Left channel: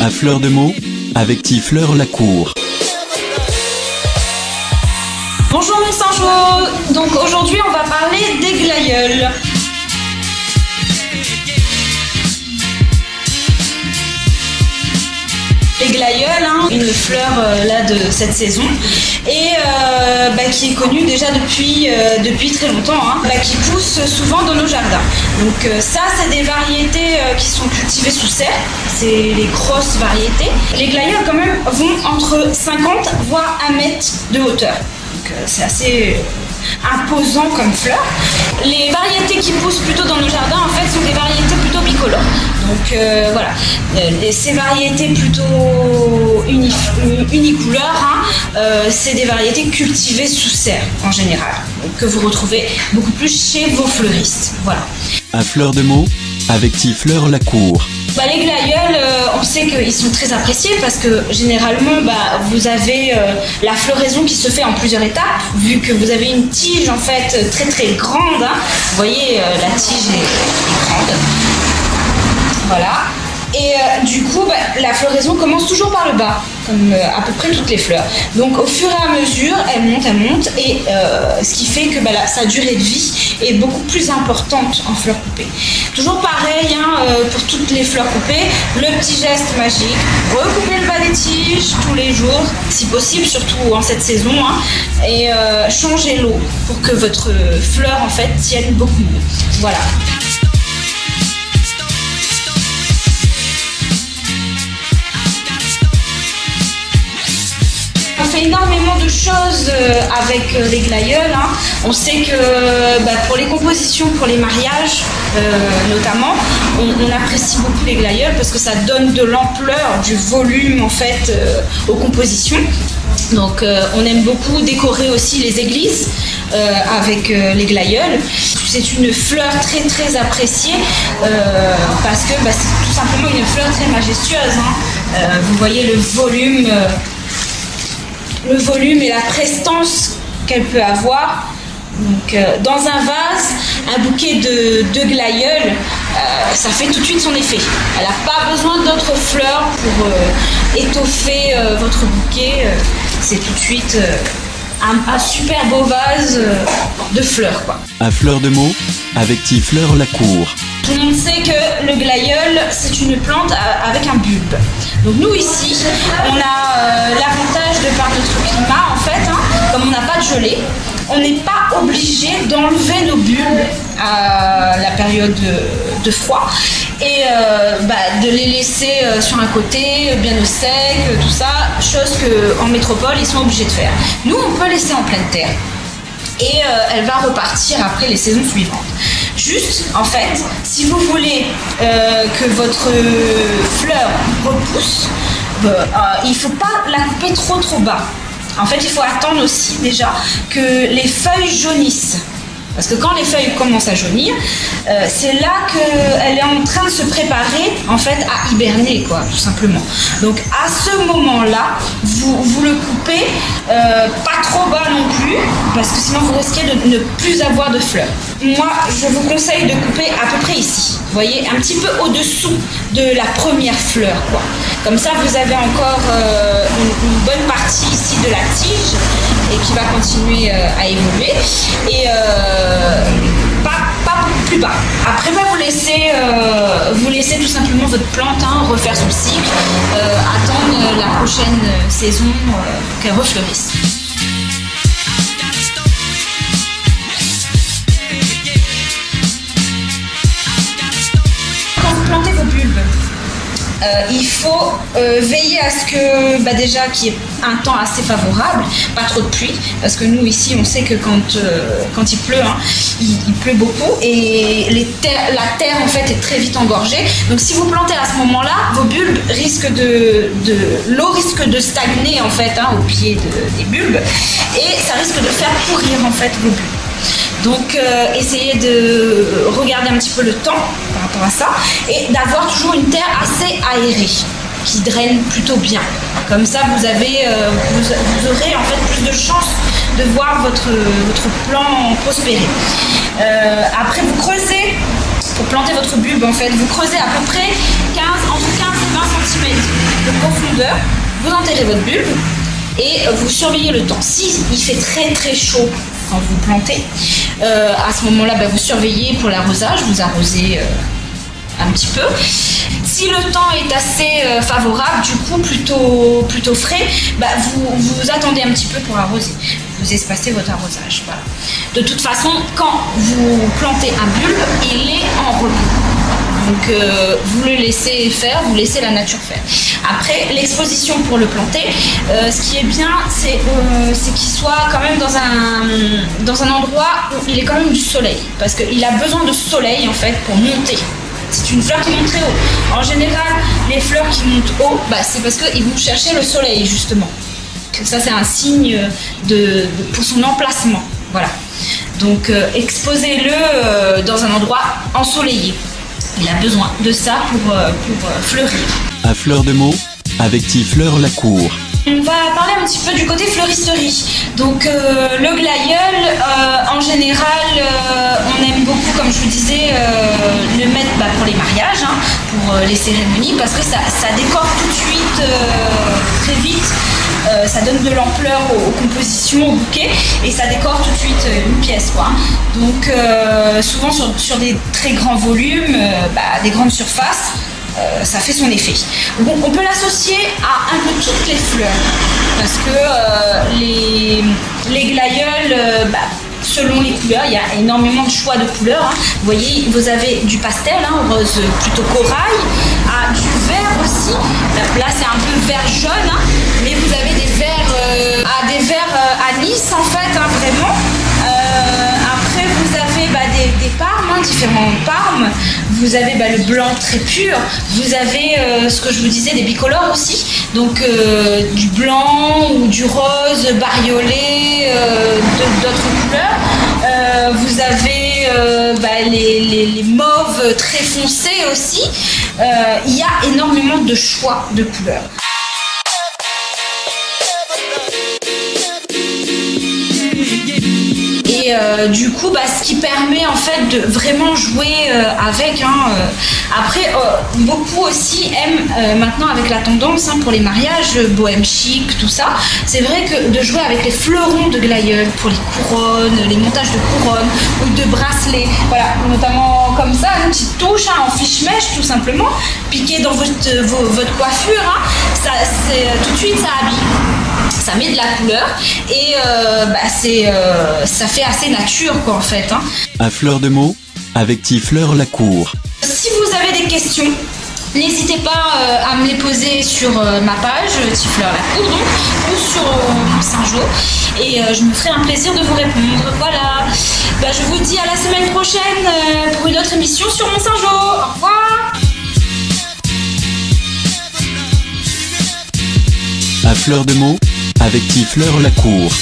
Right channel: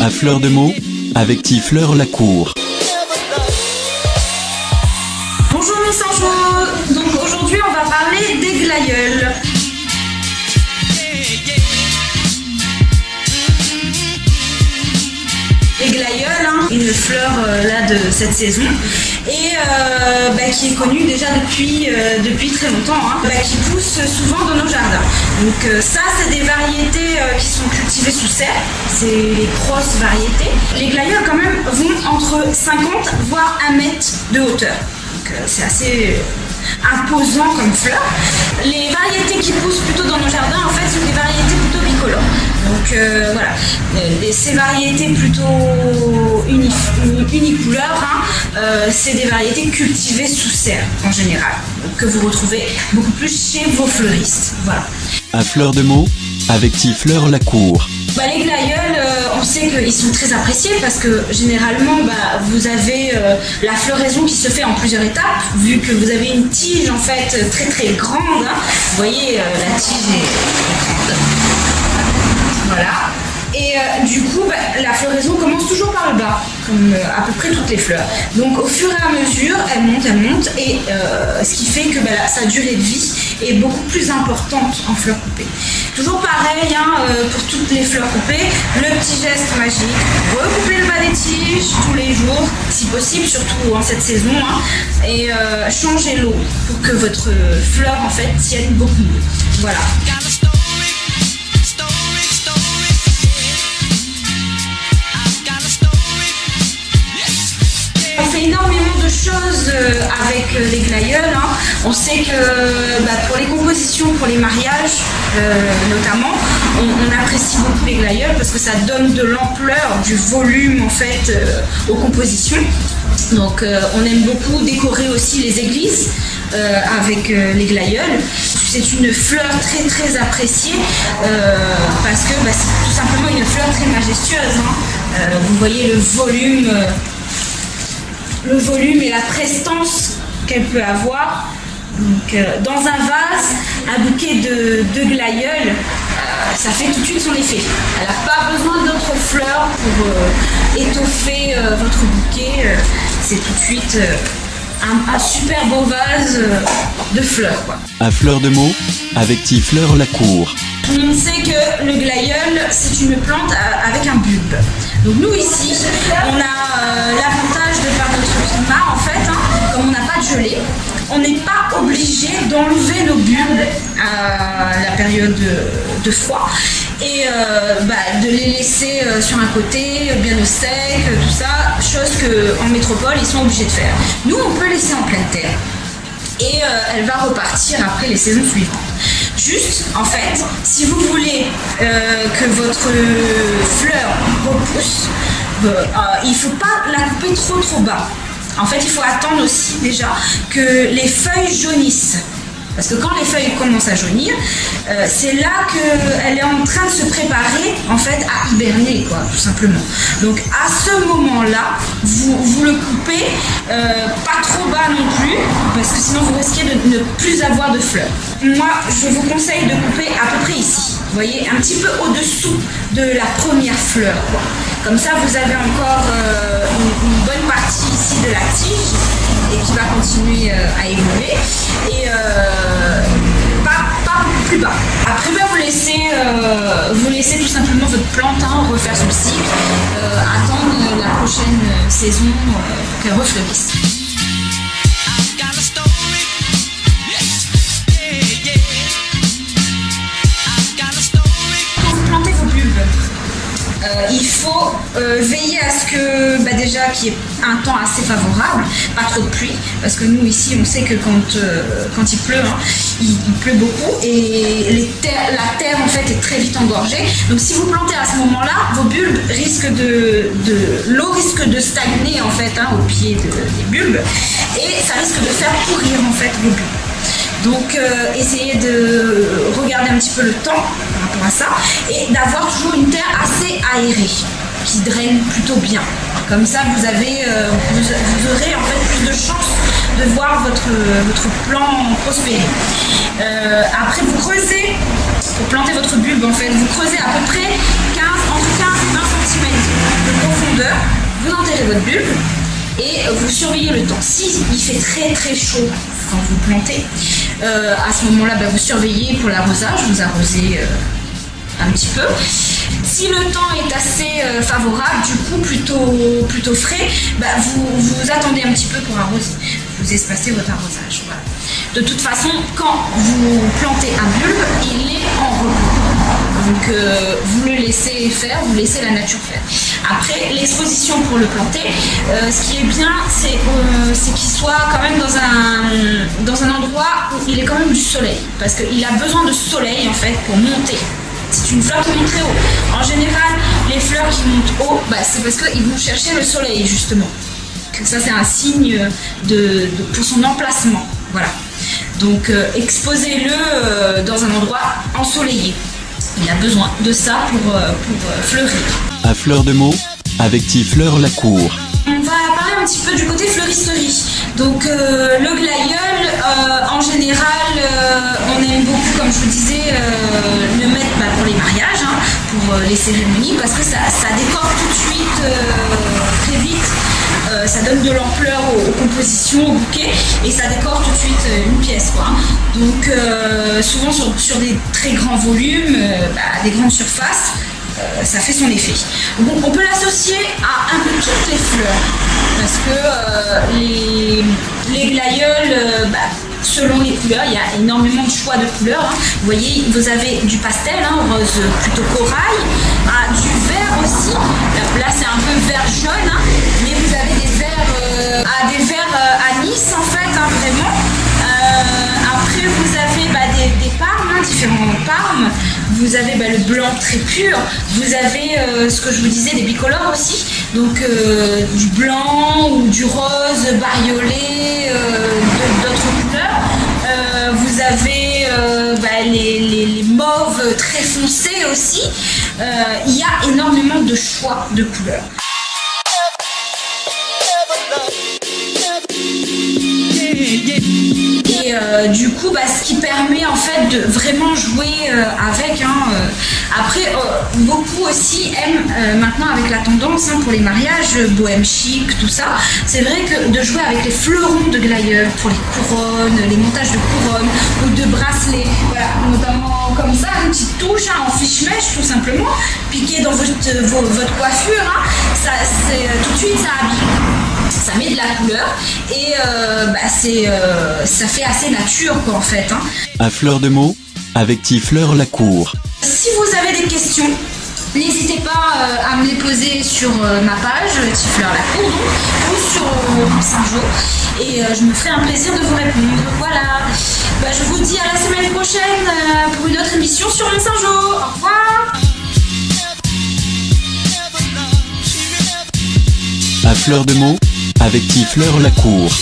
À fleur de mots, avec Tifleur Lacour. Bonjour mes Sanjo. Donc aujourd'hui on va parler des glaïeuls. Les glaïeuls, une fleur là de cette saison et qui est connue déjà depuis très longtemps, qui pousse souvent dans nos jardins. Donc ça c'est des variétés qui sont cultivées sous serre, c'est les grosses variétés. Les glaïeuls quand même vont entre 50 voire 1 mètre de hauteur. Donc c'est assez imposant comme fleur. Les variétés qui poussent plutôt dans nos jardins en fait sont des variétés plutôt bicolores. Donc voilà, ces variétés plutôt unicouleurs, c'est des variétés cultivées sous serre en général, donc, que vous retrouvez beaucoup plus chez vos fleuristes. Voilà. À fleur de mots, avec Tifleur Lacour. Les glaïeuls, on sait qu'ils sont très appréciés parce que généralement vous avez la floraison qui se fait en plusieurs étapes, vu que vous avez une tige en fait très très grande. Vous voyez, la tige est grande. Voilà. Et du coup, la floraison commence toujours par le bas, comme à peu près toutes les fleurs. Donc au fur et à mesure, elle monte, et ce qui fait que sa durée de vie est beaucoup plus importante en fleurs coupées. Toujours pareil, pour toutes les fleurs coupées, le petit geste magique, recouper le bas des tiges tous les jours, si possible, surtout en cette saison, et changer l'eau pour que votre fleur en fait tienne beaucoup mieux. Voilà. On fait énormément de choses avec les glaïeuls. On sait que pour les compositions, pour les mariages notamment, on apprécie beaucoup les glaïeuls parce que ça donne de l'ampleur, du volume en fait aux compositions. Donc on aime beaucoup décorer aussi les églises avec les glaïeuls. C'est une fleur très très appréciée parce que c'est tout simplement une fleur très majestueuse. Vous voyez le volume et la prestance qu'elle peut avoir. Donc, dans un vase, un bouquet de glaïeuls, ça fait tout de suite son effet. Elle n'a pas besoin d'autres fleurs pour étoffer votre bouquet. C'est tout de suite un super beau vase de fleurs, quoi. À fleur de mots, avec Tifleur Lacour. Tout le monde sait que le glaïeul, c'est une plante avec un bulbe. Donc nous ici, on a l'avantage de par notre climat, en fait, comme on n'a pas de gelée, on n'est pas obligé d'enlever nos bulbes à la période de froid et de les laisser sur un côté, bien au sec, tout ça, chose qu'en métropole, ils sont obligés de faire. Nous, on peut laisser en pleine terre et elle va repartir après les saisons suivantes. Juste, en fait, si vous voulez que votre fleur repousse, il ne faut pas la couper trop bas. En fait, il faut attendre aussi déjà que les feuilles jaunissent. Parce que quand les feuilles commencent à jaunir, c'est là qu'elle est en train de se préparer en fait à hiberner, quoi, tout simplement. Donc à ce moment-là, vous le coupez, pas trop bas non plus, parce que sinon vous risquez de ne plus avoir de fleurs. Moi, je vous conseille de couper à peu près ici. Vous voyez, un petit peu au-dessous de la première fleur, quoi. Comme ça, vous avez encore une bonne partie ici de la tige et qui va continuer à évoluer. Et pas plus bas. Après, vous laissez tout simplement votre plante refaire son cycle, attendre la prochaine saison pour qu'elle refleurisse. Quand vous plantez vos bulbes, il faut veiller à ce que déjà qu'il y ait un temps assez favorable, pas trop de pluie, parce que nous ici on sait que quand il pleut, il pleut beaucoup et la terre en fait est très vite engorgée. Donc si vous plantez à ce moment-là, vos bulbes risquent l'eau risque de stagner en fait au pied des bulbes et ça risque de faire pourrir en fait vos bulbes. Donc essayez de regarder un petit peu le temps par rapport à ça et d'avoir toujours une terre assez aérée qui draine plutôt bien. Comme ça vous aurez en fait plus de chances de voir votre plan prospérer. Après vous creusez pour planter votre bulbe en fait. Vous creusez à peu près entre 15 et 20 cm de profondeur, vous enterrez votre bulbe et vous surveillez le temps. Si il fait très très chaud quand vous plantez, à ce moment-là vous surveillez pour l'arrosage, vous arrosez un petit peu. Si le temps est assez favorable, du coup plutôt frais, vous attendez un petit peu pour arroser. Vous espacez votre arrosage. Voilà. De toute façon, quand vous plantez un bulbe, il est en repos. Donc vous le laissez faire, vous laissez la nature faire. Après, l'exposition pour le planter, ce qui est bien, c'est qu'il soit quand même dans un endroit où il est quand même du soleil. Parce qu'il a besoin de soleil en fait pour monter. C'est une fleur qui monte très haut. En général, les fleurs qui montent haut, c'est parce qu'ils vont chercher le soleil justement. Ça, c'est un signe pour son emplacement. Voilà. Donc, exposez-le dans un endroit ensoleillé. Il a besoin de ça pour fleurir. À fleur de mots, avec Tifleur Lacour. On va parler un petit peu du côté fleuristerie. Donc le glaïeul, en général, on aime beaucoup, comme je vous disais, le mettre pour les mariages, pour les cérémonies, parce que ça décore tout de suite très vite. Ça donne de l'ampleur aux compositions, aux bouquets, et ça décore tout de suite une pièce, quoi. Donc souvent sur des très grands volumes, des grandes surfaces, ça fait son effet. Donc on peut l'associer à un peu toutes les fleurs, parce que les glaïeuls, selon les couleurs, il y a énormément de choix de couleurs. Vous voyez, vous avez du pastel, rose plutôt corail, du vert aussi. Là, c'est un peu vert jaune, mais vous avez des verts anis en fait, vraiment. Après, vous avez des parmes, différents parmes. Vous avez le blanc très pur. Vous avez ce que je vous disais, des bicolores aussi. Donc du blanc ou du rose bariolé, d'autres couleurs. Vous avez les mauves très foncés aussi. Il y a énormément de choix de couleurs. Et du coup, ce qui permet en fait de vraiment jouer avec. Après, beaucoup aussi aiment maintenant avec la tendance pour les mariages, bohème chic, tout ça. C'est vrai que de jouer avec les fleurons de glaïeul pour les couronnes, les montages de couronnes ou de bracelets, voilà, notamment comme ça, une petite touche en fiche-mèche tout simplement, piqué dans votre coiffure, tout de suite ça habille. Ça met de la couleur et ça fait assez nature quoi en fait. À fleur de mots, avec Tifleur Lacour. Si vous avez des questions, n'hésitez pas à me les poser sur ma page Tifleur Lacour ou sur Saint-Jo et je me ferai un plaisir de vous répondre. Voilà. Je vous dis à la semaine prochaine pour une autre émission sur Mon Saint-Jo. Au revoir. À fleur de mots, avec Tifleur Lacour.